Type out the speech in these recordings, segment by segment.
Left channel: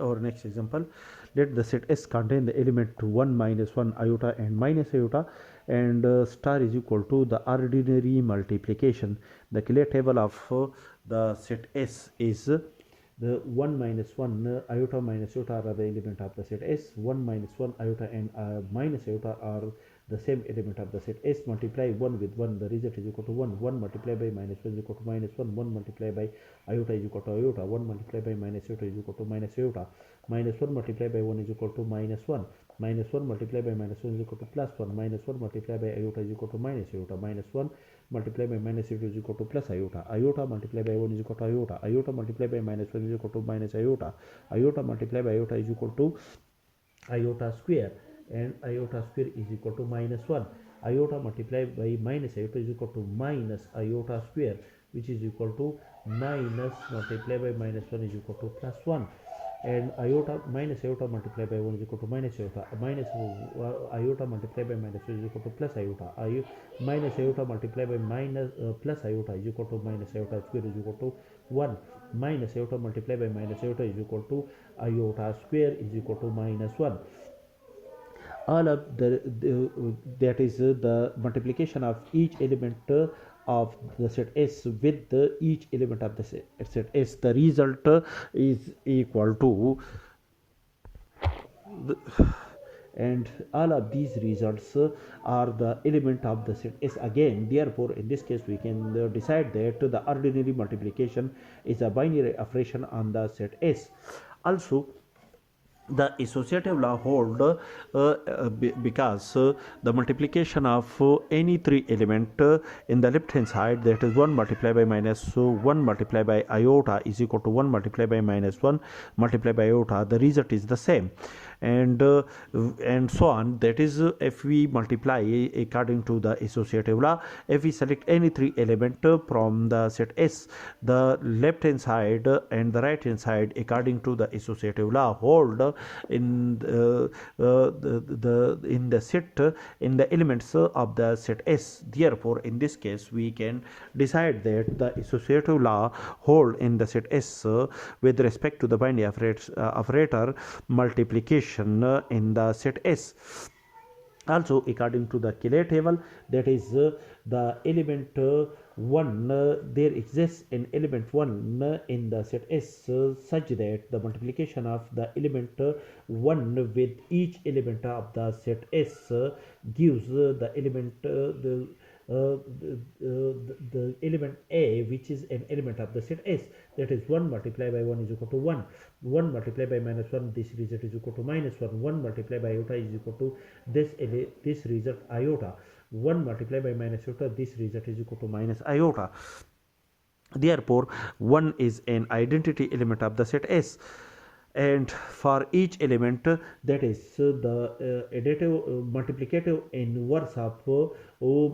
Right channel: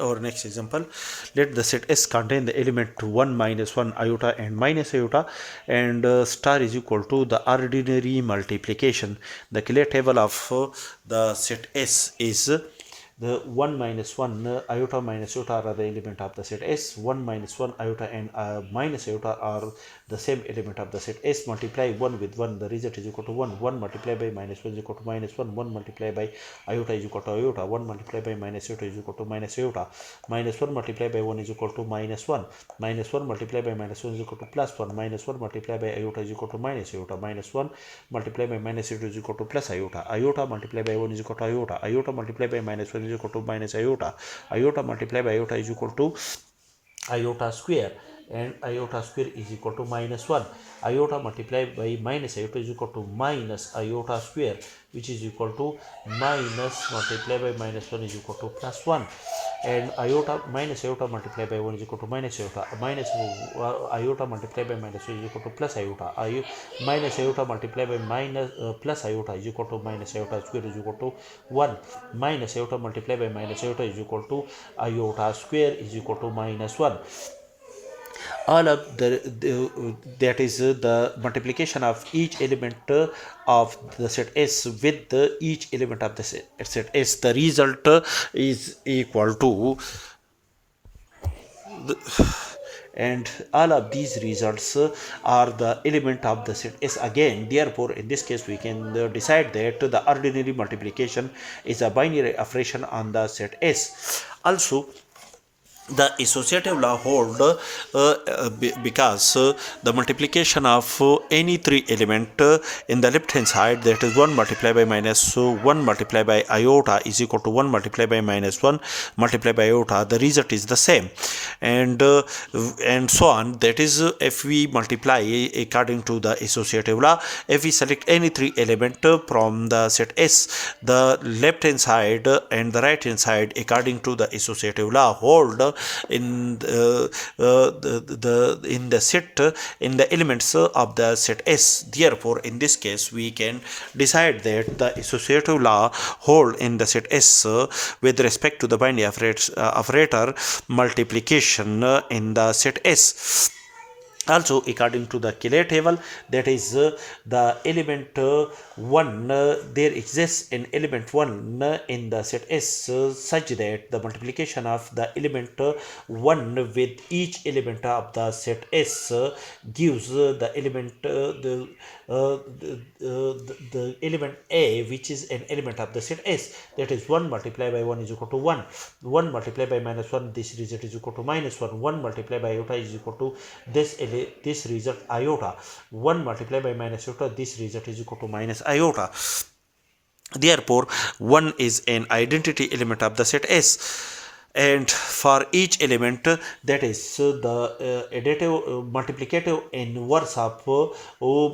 Our next example, let the set S contain the element 1 minus 1 iota and minus iota, and star is equal to the ordinary multiplication. The clear table of the set S is the 1 minus 1 iota minus iota are the element of the set S. 1 minus 1 iota and minus iota are the same element of the set S. Multiply 1 with 1, the result is equal to 1. 1 multiplied by minus 1 is equal to minus 1. 1 multiplied by iota is equal to iota. 1 multiplied by minus iota is equal to minus iota. Minus 1 multiplied by 1 is equal to minus 1. Minus 1 multiplied by minus 1 is equal to plus 1. Minus 1 multiplied by iota is equal to minus iota. Minus 1 multiplied by minus iota is equal to plus iota. Iota multiplied by 1 is equal to iota. Iota multiplied by minus 1 is equal to minus iota. Iota multiplied by iota is equal to iota square, and iota square is equal to minus 1. Iota multiplied by minus iota is equal to minus iota square, which is equal to minus multiplied by minus 1 is equal to plus 1. And iota minus iota multiplied by 1 is equal to minus iota. Minus iota multiplied by minus 1 is equal to plus iota. Minus iota multiplied by minus plus iota is equal to minus iota square is equal to 1. Minus iota multiplied by minus iota is equal to iota square is equal to minus 1. All of that is the multiplication of each element of the set S with each element of the set S. The result is equal to and all of these results are the element of the set S again. Therefore, in this case, we can decide that the ordinary multiplication is a binary operation on the set S. Also, the associative law hold because the multiplication of any three element in the left hand side, that is 1 multiplied by minus 1 multiplied by iota is equal to 1 multiplied by minus 1 multiplied by iota. The result is the same, and so on. That is, if we multiply according to the associative law, if we select any three element from the set S, the left hand side and the right hand side according to the associative law hold in the set in the elements of the set S. Therefore, in this case, we can decide that the associative law hold in the set S with respect to the binary operator multiplication in the set S. Also, according to the Cayley table, that is the element 1, there exists an element 1 in the set S such that the multiplication of the element 1 with each element of the set S gives the element the element A, which is an element of the set S. That is 1 multiplied by 1 is equal to 1. 1 multiplied by minus 1, this result is equal to minus 1. 1 multiplied by iota is equal to this result iota. 1 multiplied by minus iota, this result is equal to minus iota. Therefore, 1 is an identity element of the set S. And for each element, that is the additive multiplicative inverse of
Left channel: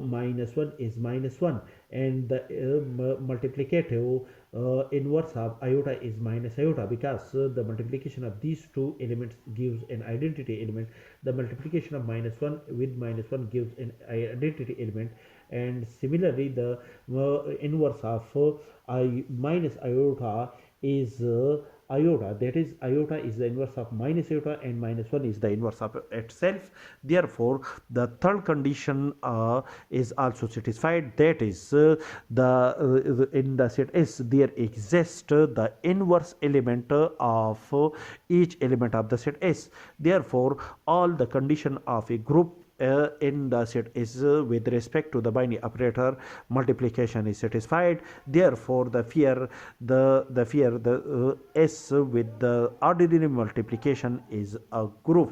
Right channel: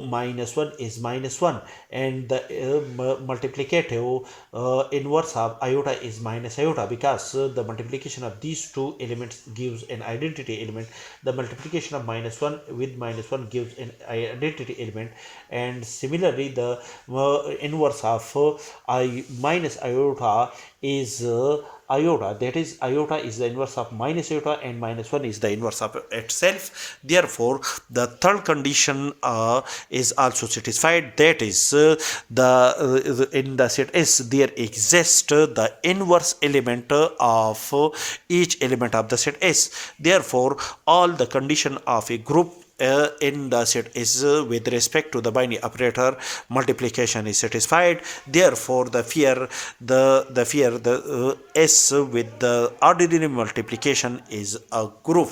minus 1 is minus 1, and the multiplicative inverse of iota is minus iota, because the multiplication of these two elements gives an identity element. The multiplication of minus 1 with minus 1 gives an identity element, and similarly the inverse of minus iota is iota. That is, iota is the inverse of minus iota and minus 1 is the inverse of itself. Therefore, the third condition is also satisfied. That is, in the set S there exists the inverse element of each element of the set S. Therefore, all the condition of a group in the set is with respect to the binary operator multiplication is satisfied. Therefore, the S with the ordinary multiplication is a group.